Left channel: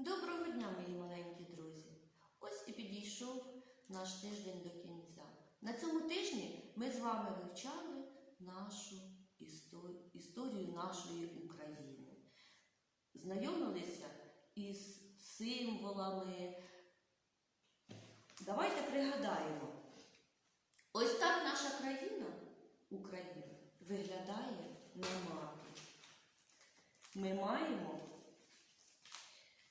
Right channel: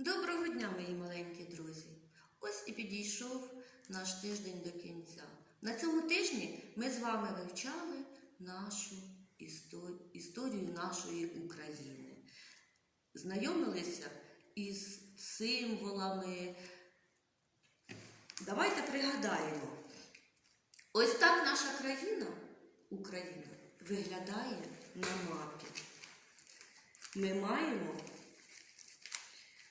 Доброго дня, мої маленькі друзі! Ось і підійшов наш тиждень до кінця. На цьому тижні ми з вами вивчали нашу історію, нашої України, знайомилися із символами. Давайте пригадаємо. Ось так наша країна, Україна, виглядає на мапі. Ми маємо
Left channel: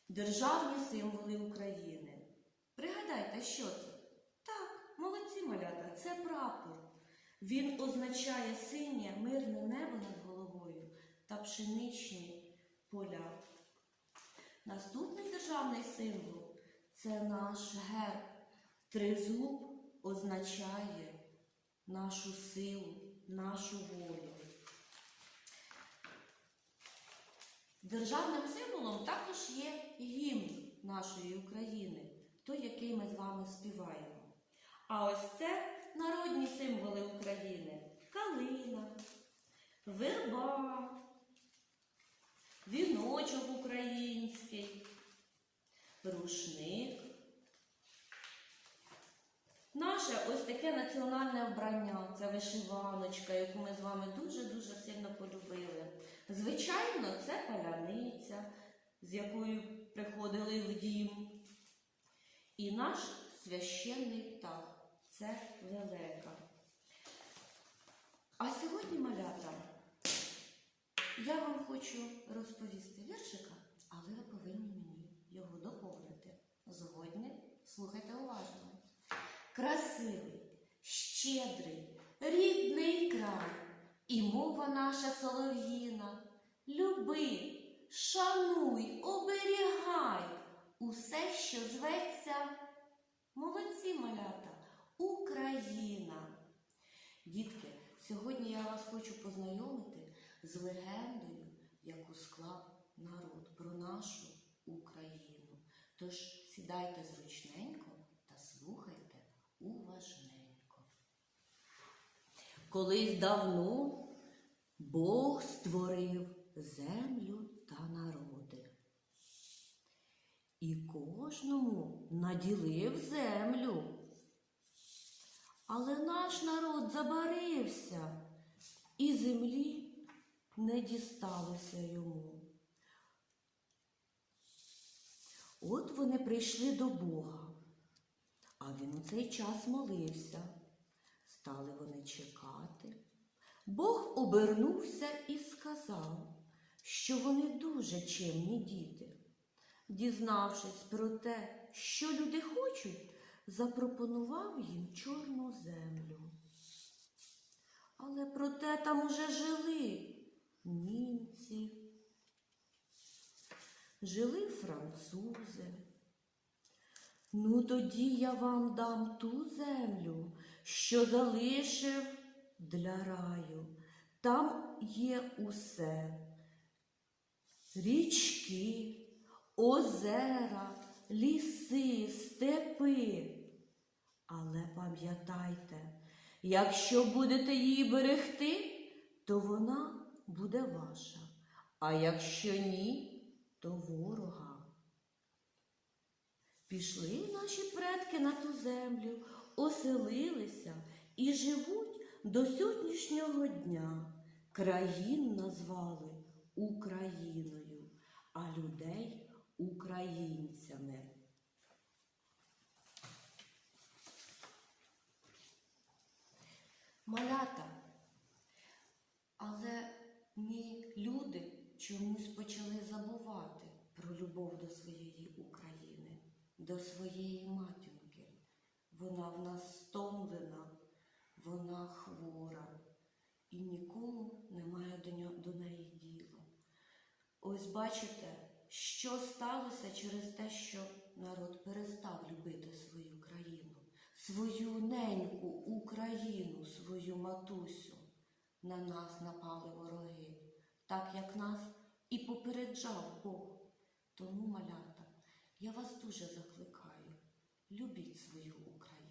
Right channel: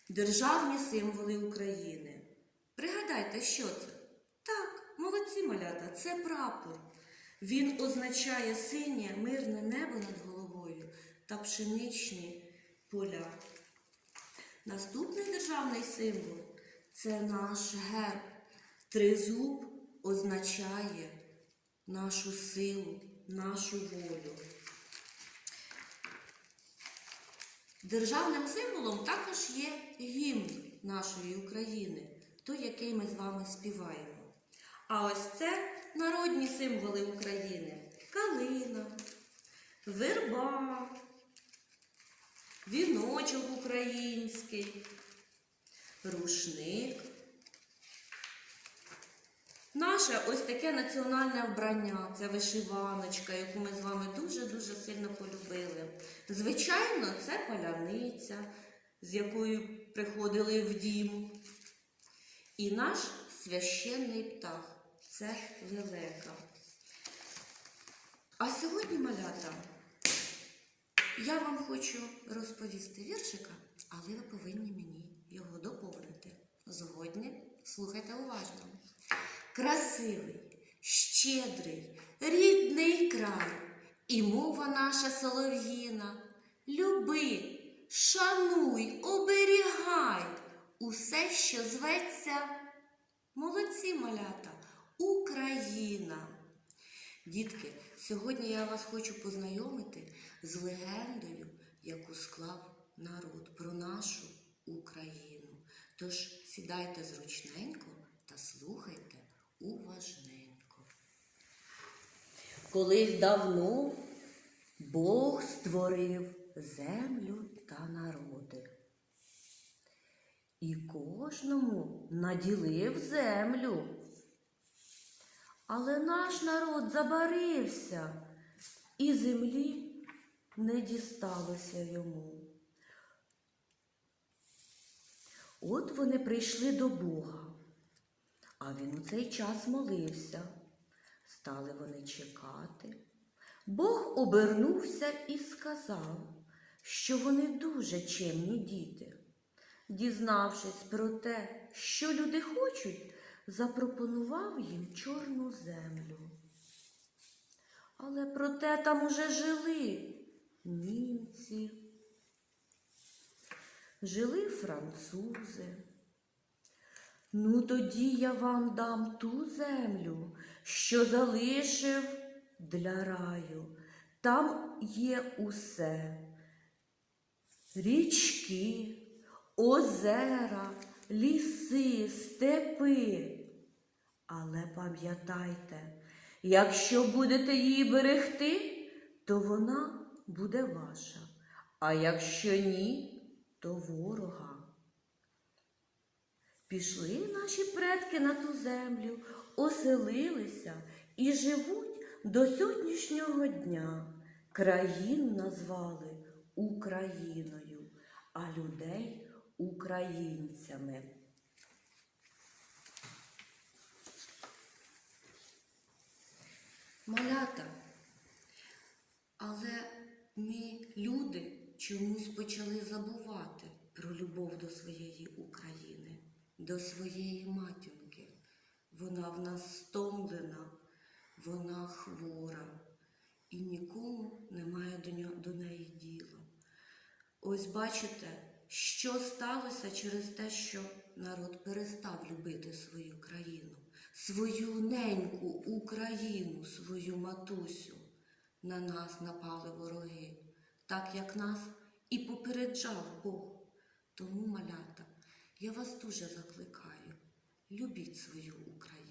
Державні символи України. Пригадайте, що це? Так, молодці малята, це прапор. Він означає синє мирне небо над головою та пшеничні поля. Наступний державний символ це наш герб. Тризуб означає нашу силу, нашу волю. Державним символом також є гімн нашої України, той, який ми з вами співаємо. А ось це народні символи України: калина, верба, віночок український, рушник. Наше ось таке національне вбрання, це вишиваночка, яку ми з вами дуже-дуже сильно полюбили. Звичайно, це паляниця, з якою приходили в дім. І наш священний птах це лелека. А сьогодні, малята, я вам хочу розповісти віршика, але ви повинні мені його доповнити. Згодні слухайте уважно. Красивий, щедрий, рідний край, і мова наша солов'їна. Люби, шануй, оберігай усе, що зветься, молодці малята, Україна. Дітки, сьогодні я вас хочу познайомити з легендою, яку склав народ про нашу Україну. Тож сідайте зручненько та слухайте уважненько. Колись давно Бог створив землю та народи. І кожному наділив землю. Але наш народ забарився, і землі не дісталося йому. От вони прийшли до Бога, а він у цей час молився. Стали вони чекати. Бог обернувся і сказав, що вони дуже чемні діти. Дізнавшись про те, що люди хочуть, запропонував їм чорну землю. Але проте там уже жили німці, жили французи. Ну, тоді я вам дам ту землю, що залишив для раю. Там є усе. Річки, озера, ліси, степи. Але пам'ятайте, якщо будете її берегти, то вона буде ваша, а якщо ні, то ворога. Пішли наші предки на ту землю, оселилися і живуть до сьогоднішнього дня. Країну назвали Україною, а людей українцями. Малята, але ми, люди, чомусь почали забувати про любов до своєї України, до своєї матінки. Вона в нас стомлена, вона хвора, і нікому немає до, неї діла. Ось бачите, що сталося через те, що народ перестав любити свою країну, свою неньку Україну, свою матусю. На нас напали вороги, так як нас і попереджав Бог. Тому, малята, я вас дуже закликаю, любіть свою Україну,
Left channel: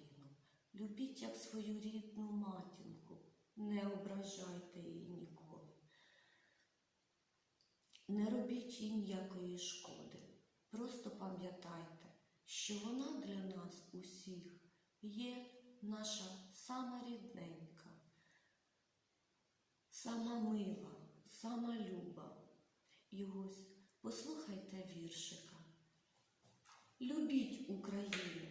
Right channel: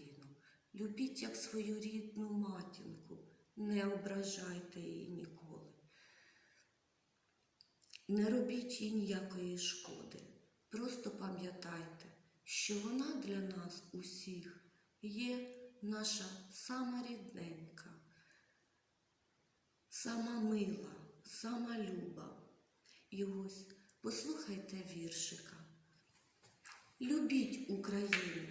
любіть як свою рідну матінку, не ображайте її ніколи. Не робіть їй ніякої шкоди. Просто пам'ятайте, що вона для нас усіх є наша сама рідненька, сама мила, сама люба. І ось послухайте віршика. Любіть Україну,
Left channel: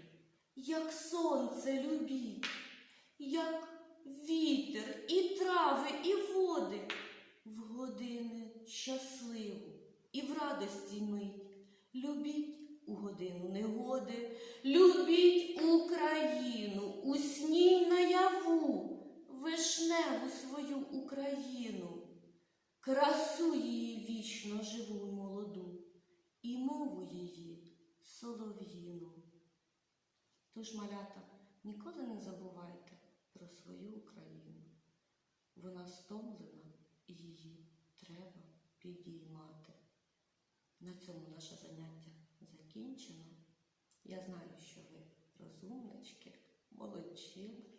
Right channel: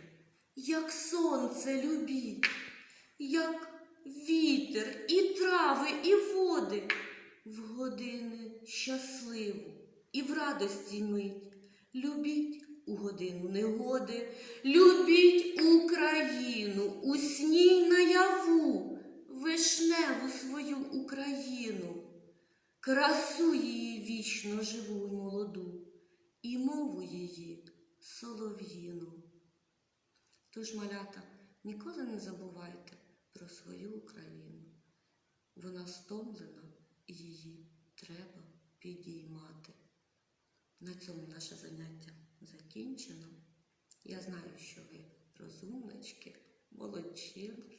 як сонце любіть, як вітер і трави, і води, в години щасливу і в радості мить. Любіть у годину негоди, любіть Україну, у сній наяву, вишневу свою Україну, красу її вічно живу й молоду, і мову її солов'їну. Тож, малята, ніколи не забувайте про свою Україну. Вона стомлена, і її треба підіймати. На цьому наше заняття закінчено. Я знаю, що ви розумнички, молодчинки.